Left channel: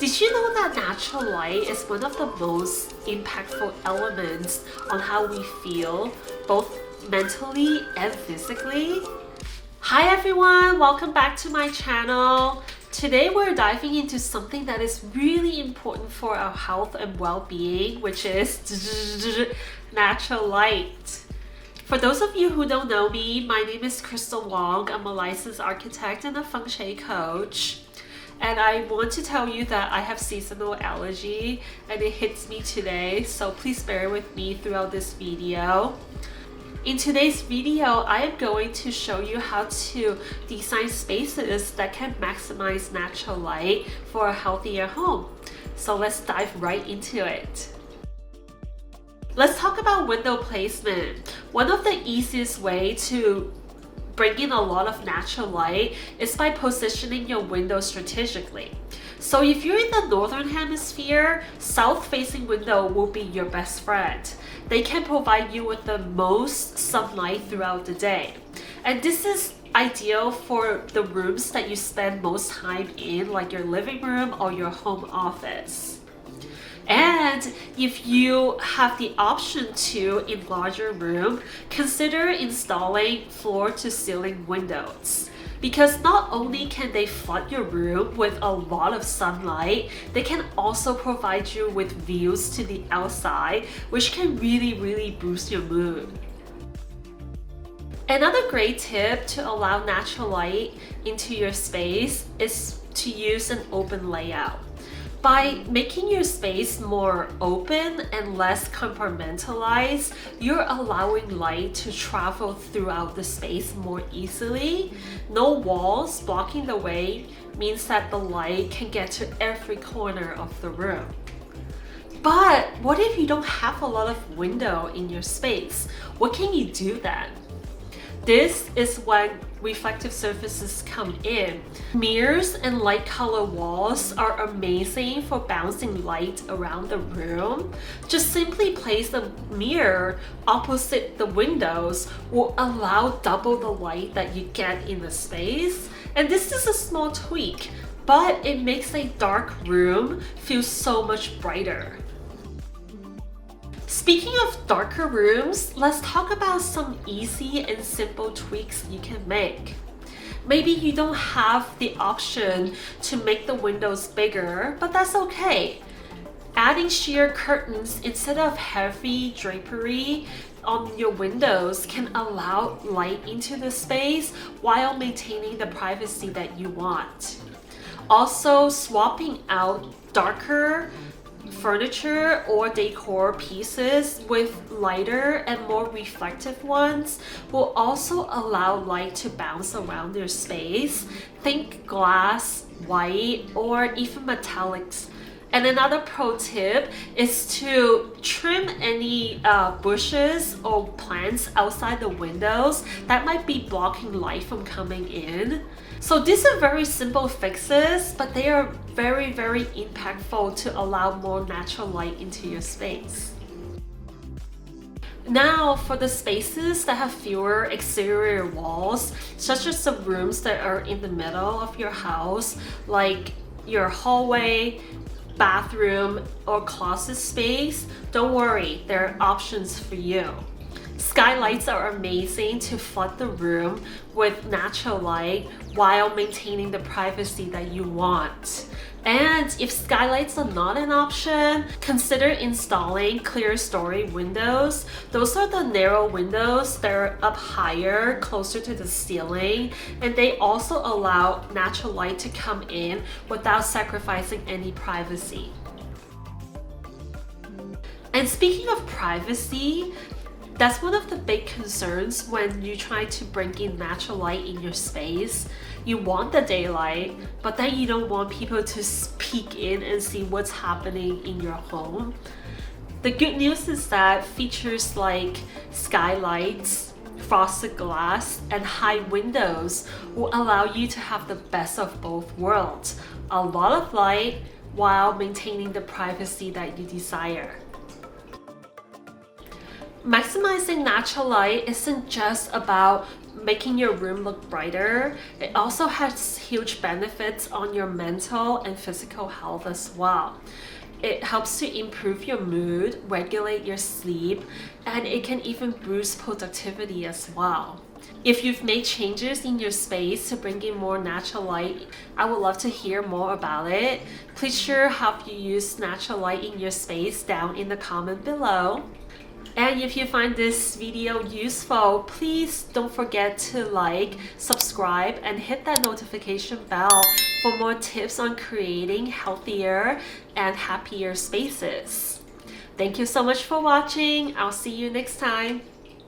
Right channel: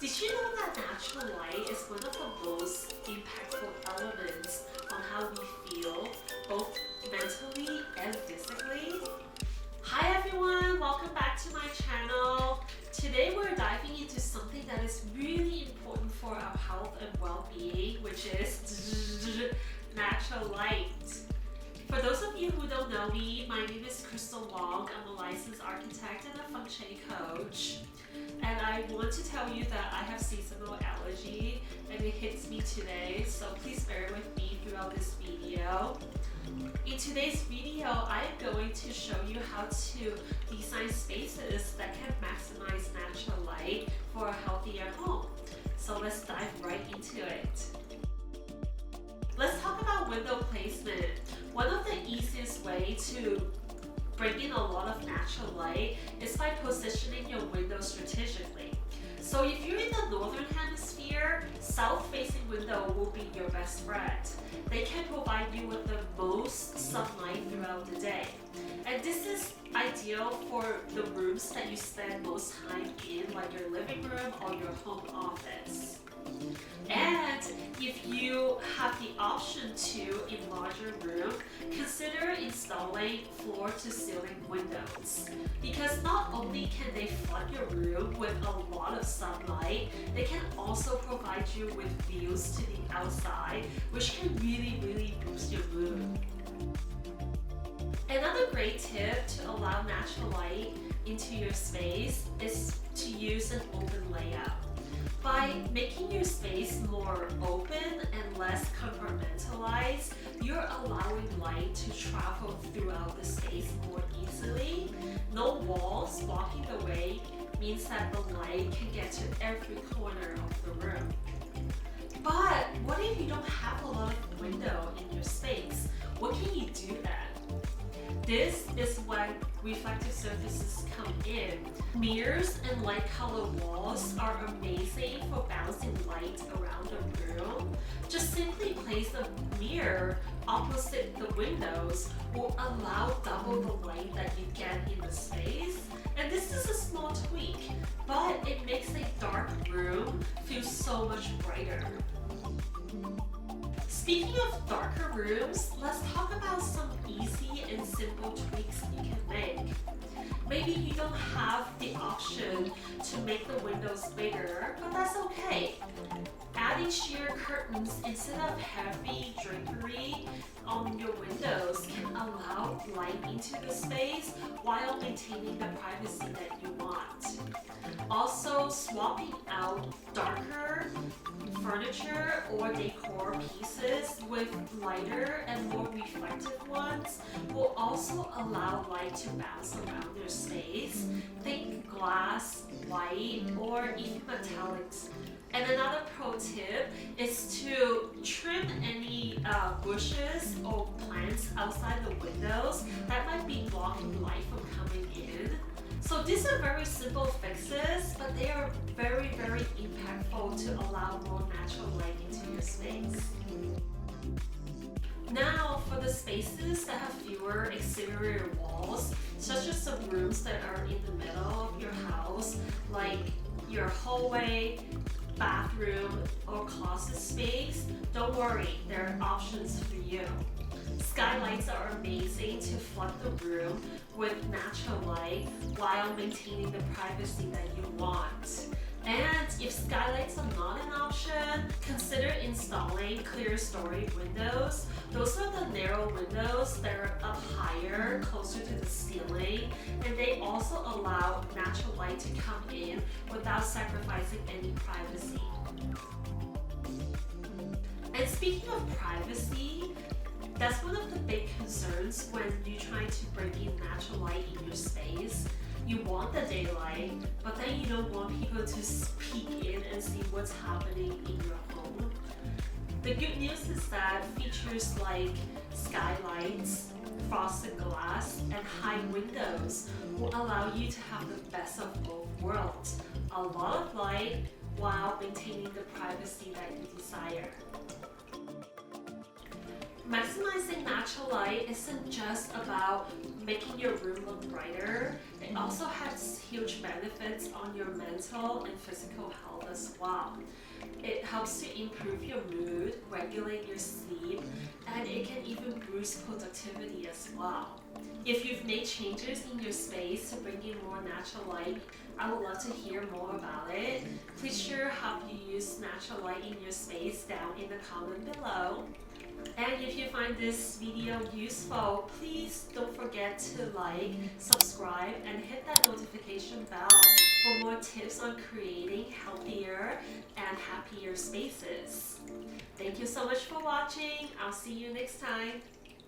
Did you know that natural light is one of the most impactful elements on how we feel, both mentally and physically? Hi everyone, welcome back to my channel. Today we're diving into something that is really important for our health and well-being, which is natural light. For those of you who don't know me, my name is Crystal Wong. I'm a licensed architect and a feng shui coach. And I want to tell you that I have seasonal allergy and it hits me today, so please bear with me throughout this video. In today's video, I am going to show you how to design spaces that can maximize natural light for a healthier home. So let's dive right into it. Let's talk about window placement. One of the easiest ways to bring in a lot of natural light is by positioning your window strategically. So if you're in the northern hemisphere, south-facing window will be your best friend. They can provide you with the most sunlight throughout the day. And this is ideal for the rooms that you spend most time in, like your living room or your home office. And if you have the option to enlarge your room, consider installing floor-to-ceiling windows. Because not only can they flood your room with a lot of sunlight, they can also provide you with views to the outside, which can really boost your mood. Another great tip to allow natural light into your space is to use an open layout. By making your space more open and less compartmentalized, you're allowing light to travel throughout the space more easily. No walls blocking the way means that the light can get to every corner of the room. But what if you don't have a lot of window in your space? What can you do then? This is when reflective surfaces come in. Mirrors and light color walls are amazing for bouncing light around the room. Just simply place a mirror opposite the windows will allow double the light that you get in the space. And this is a small tweak, but it makes a dark room feel so much brighter. Speaking of darker rooms, let's talk about some easy and simple tweaks you can make. Maybe you don't have the option to make the windows bigger, but that's okay. Adding sheer curtains instead of heavy drapery on your windows can allow light into the space while maintaining the privacy that you want. Also, swapping out darker furniture or decor pieces with lighter and more reflective ones will also allow light to bounce around your space. Think glass, white, or even metallics. And another pro tip is to trim any bushes or plants outside the windows that might be blocking light from coming in. So these are very simple fixes, but they are very impactful to allow more natural light into your space. Now, for the spaces that have fewer exterior walls, such as the rooms that are in the middle of your house, like your hallway, bathroom, or closet space, don't worry, there are options for you. Skylights are amazing to flood the room with natural light while maintaining the privacy that you want. And if skylights are not an option, consider installing Clerestory windows. Those are the narrow windows that are up higher, closer to the ceiling, and they also allow natural light to come in without sacrificing any privacy. And speaking of privacy, that's one of the big concerns when you try to bring in natural light in your space. You want the daylight, but then you don't want people to peek in and see what's happening in your home. The good news is that features like skylights, frosted glass, and high windows will allow you to have the best of both worlds. A lot of light while maintaining the privacy that you desire. Maximizing natural light isn't just about making your room look brighter. It also has huge benefits on your mental and physical health as well. It helps to improve your mood, regulate your sleep, and it can even boost productivity as well. If you've made changes in your space to bring in more natural light, I would love to hear more about it. Please share how you use natural light in your space down in the comment below. And if you find this video useful, please don't forget to like, subscribe, and hit that notification bell for more tips on creating healthier and happier spaces. Thank you so much for watching. I'll see you next time.